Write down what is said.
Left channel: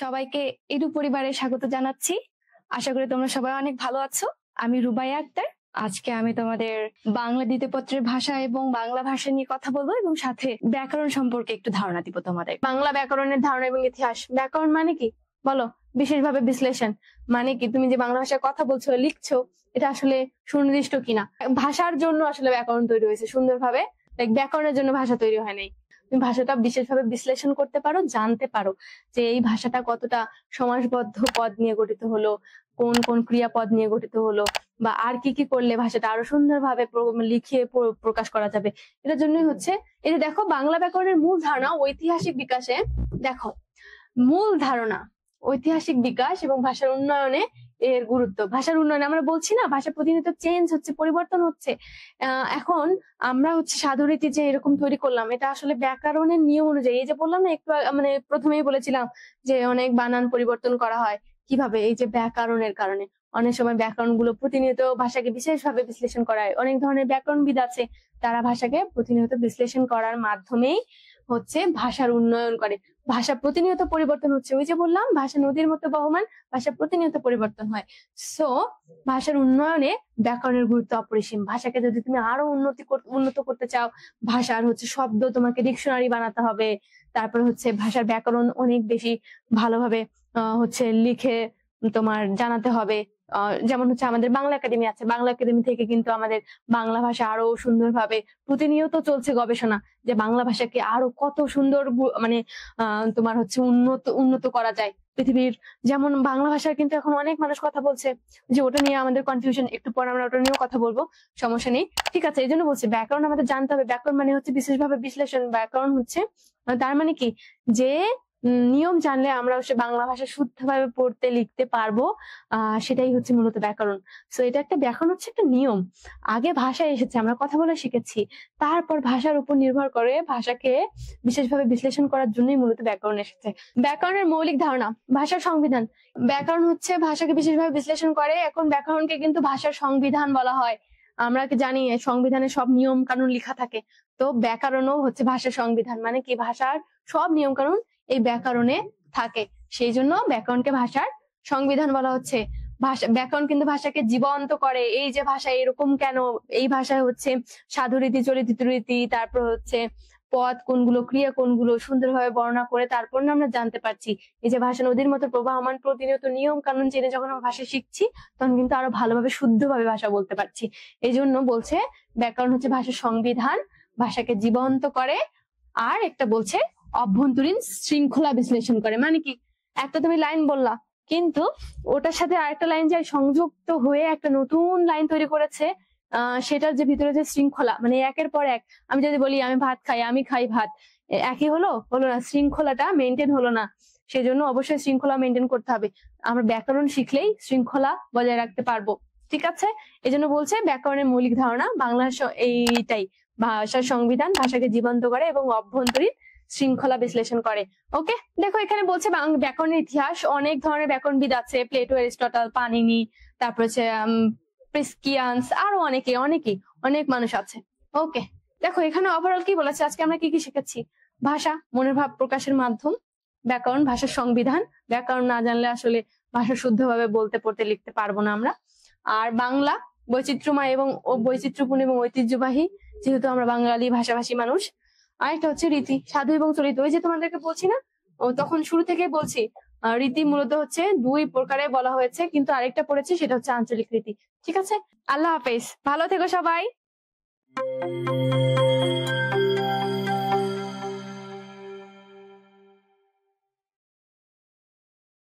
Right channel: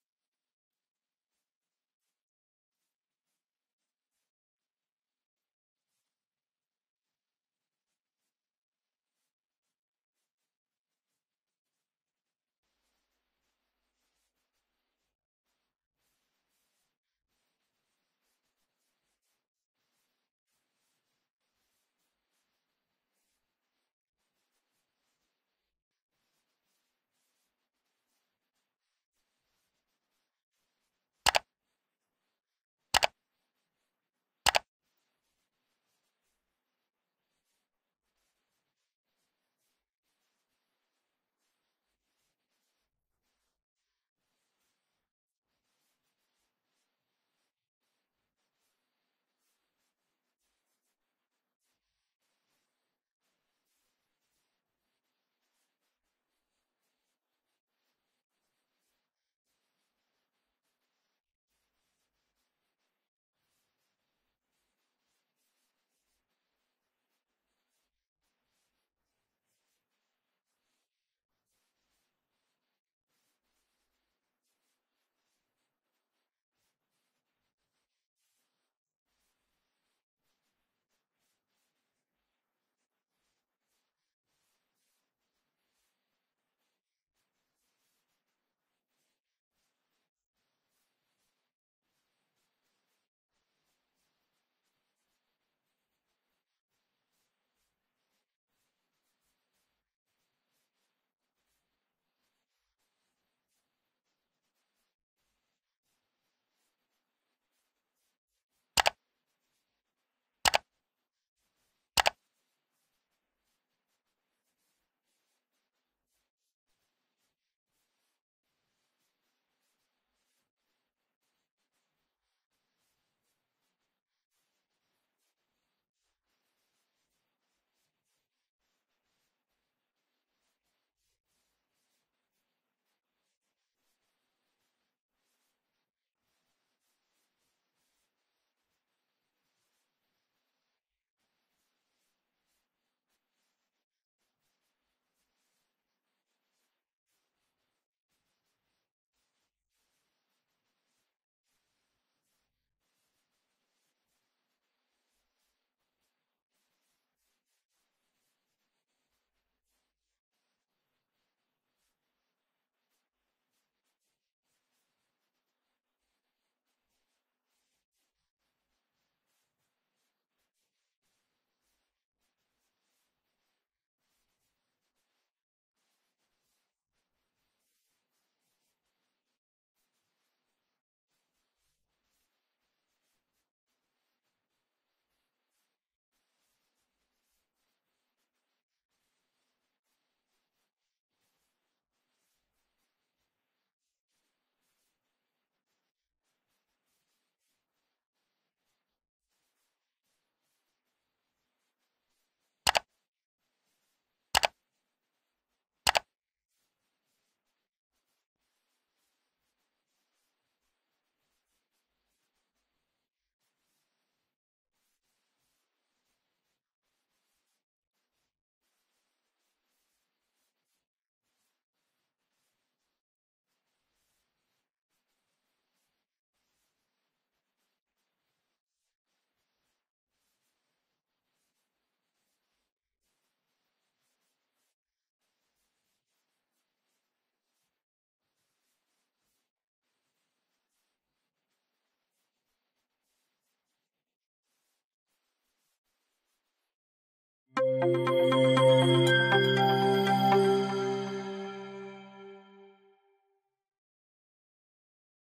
সবাইকে এডু পরিবারে স্বাগত জানাচ্ছি। আশা করি তোমরা সবাই অনেক ভালো আছো। আমি রুবাইয়া আক্তার। আজকে আমি তোমাদের বাংলা দ্বিতীয় পত্রের ভাষা এবং বাংলা ভাষা নিয়ে কথা বলবো এবং সাথে ব্যাকরণ সম্পর্কে একটু ধারণা দিব তোমাদের। বাংলা ব্যাকরণের ধারণা এবং ইতিহাস। ব্যাকরণ মানে কি বলো? বিশেষভাবে বিশ্লেষণ মানে কি? তুমি যে বাংলা ভাষায় কথা বলছো, লিখছো, এটা আসলে সুনির্দিষ্ট কিনা। ভাষার জন্য আসলে ব্যাকরণ তৈরি হয়েছে সুন্দরভাবে, ব্যাকরণের জন্য ভাষা তৈরি হয় নাই। তুমি ভাষাটা বিশেষভাবে বিশ্লেষণ করতে পারো, জানতে পারো যে এই ভাষাটা কতটা সমাসবদ্ধ পদ নিয়ে গঠিত হলো, কোন কোন ক্রিয়াপদ নিয়ে গঠিত হলো, বা আর কি কি করলে ভাষাটা আরো সুন্দরভাবে লিখিয়ে প্রকাশ করা যাবে। এটার জন্যই হচ্ছে এই যে দেখো, বাংলা ব্যাকরণের মূল ধারণা ঐতিহাসিক বিকাশে। দেখো, মূল ধারণা ঐতিহাসিক বিকাশ এবং ভাষার উন্নয়নে এর গুরুত্ব। ভাষার উন্নয়নে আমরা বলছি না, ভাষা প্রতিনিয়ত চেঞ্জ হচ্ছে, পরিবর্তন হচ্ছে। এখন আমরা হচ্ছে সাধুরীতি যে এরকম তৈরি করলাম, এটা আসলে ব্যাকরণের নিয়ম অনুযায়ী। এই যে বললাম না একটু মানে প্রথমেই বলেছিলাম যে অনেক বানান পরিবর্তন করা হয় কিভাবে, এই যে ব্যাকরণের কারণে। অনেক সময় ব্যাকরণ গুলো প্রতিনিয়ত ভাষাকে বিশেষভাবে বিশ্লেষণ করা হয়। অনেক ধরনের ব্যাকরণবিদ আছে, তারা ভাষাকে প্রতিনিয়ত বিশ্লেষণ করার মাধ্যমেই হচ্ছে ভাষার উন্নয়ন করে। ভাষা প্রতিনিয়ত পরিবর্তন হচ্ছে। ওই যে বললাম, ভাষা নদীর মতো বহমান, ভাষা প্রতিনিয়ত পরিবর্তন হয়। সো ভাষার উন্নয়নে ব্যাকরণের গুরুত্ব অপরিসীম। ভাষাকে যদি তুমি আরো উন্নত করতে চাও, ভাষার হচ্ছে শব্দ তোমাকে ডিকশনারি বানাতে হবে। তারপর হচ্ছে ভাষার ব্যাকরণ অনেক বেশি ভালোভাবে হচ্ছে লিখে তোমার জানাতে হবে। যেমন হচ্ছে আমাদের বাংলা একাডেমি আছে, বাংলা একাডেমি থেকে কিন্তু আমাদের বাংলা ভাষা আরো সুন্দরভাবে প্রতিনিয়ত চলছে গবেষণা, যে বাংলা ভাষাকে আরো কত সুন্দর মানে তোমার হচ্ছে উন্নত করা যায় পৃথিবীর। যেমন বাংলা ভাষায় কিন্তু এখন অনেক মানুষ কথা বলছে, যে ওটা নিয়ে আমাদের কনফিউশন, একটু পরে আমরা ওটা নিয়েও কথা বলবো, সমস্যা নেই। ঠিক আছে, এই জন্য বলছি ব্যাকরণ আমাদের জানতে হবে। ব্যাকরণ মানে হচ্ছে বিশেষভাবে বিশ্লেষণ। ব্যাকরণ হচ্ছে তার মানে কি, যে নিয়ম জানলে আমরা হচ্ছে বাংলা ভাষা শুদ্ধভাবে পড়তে লিখতে পারবো। সেটাই হচ্ছে মূলত ব্যাকরণ। সো এটা একটা ব্যাকরণ হচ্ছে একটা নিয়ম। আগে ভাষা এসেছে, আমরা কথা বলে শিখেছি, তারপর ভাষার উপর নির্ভর করে ভাষাকে বিশেষভাবে বিশ্লেষণ করার জন্যই মূলত ব্যাকরণ এসেছে। ব্যাকরণের মৌলিক ধারণা, ভাষার সংবিধান। ব্যাকরণ হচ্ছে ভাষাকে বিশেষভাবে বিশ্লেষণ করে। এখন ব্যাকরণকে কিন্তু ভাষার সংবিধান বলা হয়। আমরা কি জানি সংবিধানে সব নিয়ম কানুন লেখা থাকে, তো ব্যাকরণও হচ্ছে ভাষার সংবিধান। মানে কি, ভাষার সব নিয়ম কানুন এই ব্যাকরণে থাকে, সেই জন্য ব্যাকরণকে ভাষার সংবিধান বলা হচ্ছে। ব্যাকরণ কিন্তু ভাষাকে জীবন্ত করে। এই যে ভাষা এরকম কেন, এই ভাষায় হচ্ছে সাধুরীতি, চলিত রীতি, তারপর হচ্ছে পদ কোনগুলো, ক্রিয়া কোনগুলো সুন্দরভাবে বর্ণনা করে তারপর না আমরা জানতে পারছি। এই যে ভাষা নদীর মতো প্রবাহমান, প্রতিনিয়ত নিয়ম কানুন জেনে যখন আমরা ভাষা শিখছি, তখন কিন্তু আরো ভালোভাবে শুদ্ধভাবে ভাষা বলতে পারছি। এই জন্য বলছে ব্যাকরণ হচ্ছে ভাষার সংবিধান, ভাষাকে জীবন্ত করে। আর একটা বলছে অভ্যন্তরীণ শৃঙ্খলা বিশ্লেষণ করে। মানে কি, একটা তুমি লাইন বললা, কিন্তু ওটার সাথে আরেকটা লাইন যে সংযুক্ত হয়ে একটা নতুন লাইন তৈরি করেছে। সেটার যে ভিতরে যে শৃঙ্খলা, মানে একের পর এক। আমি যদি বলি আমি ভাত খাই, আমি খাই ভাত, একই হলো না, শৃঙ্খলাটা মেনটেন হলো না। সেজন্য অবশ্যই শৃঙ্খলা মেনটেন করতে হবে। আমরা ব্যাকরণ শিখলেই শৃঙ্খলা বজায় রাখতে পারবো। ঠিক আছে, এই জন্য বলছে ব্যাকরণের মৌলিক ধারণা বাংলা এইটাই, ভাষার সংবিধান, ভাষাকে জীবন্ত করে এবং অভ্যন্তরীণ শৃঙ্খলা বিশ্লেষণ করে। ওকে, দেখো এখানে বলছে ব্যাকরণের ইতিহাস। অনেক ধরনের ব্যাকরণবিদ আছে, প্লেটো, এরিস্টটল, পানিনি, তারপর হচ্ছে প্রিস্কিয়ান্স, আরো অনেক মানুষ আছে। ওকে, দেখো এখানে ওভারঅল কি বলেছে, আজকে আমরা কি কি শিখেছি। ভাষা মনের ভাব প্রকাশের মাধ্যম, ব্যাকরণ ভাষার সংবিধান। ব্যাকরণ না জানলে আসলে ভাষা শুদ্ধভাবে বলতে পড়তে লিখতে পারবো না আমরা। আর বাংলা বৈচিত্র্যময় এবং বৈচিত্র্যপূর্ণ এবং ঐতিহ্যবাহী, যেহেতু আমরা বাঙালি ভাষাভাষী মানুষ। আরেকটা হচ্ছে রীতি, সাধু এবং চলিত। ওই যে তোমাদেরকে বলছি না, তখন শুরু থেকে বলছি, রীতি মূলত হচ্ছে দুই প্রকারে বলা হয়েছে, কিন্তু আরেকটা পড়েছি, সেটা হচ্ছে আঞ্চলিক রীতি। ঠিক আছে, আল্লাহ হাফেজ, ভালো থেকো সবাই।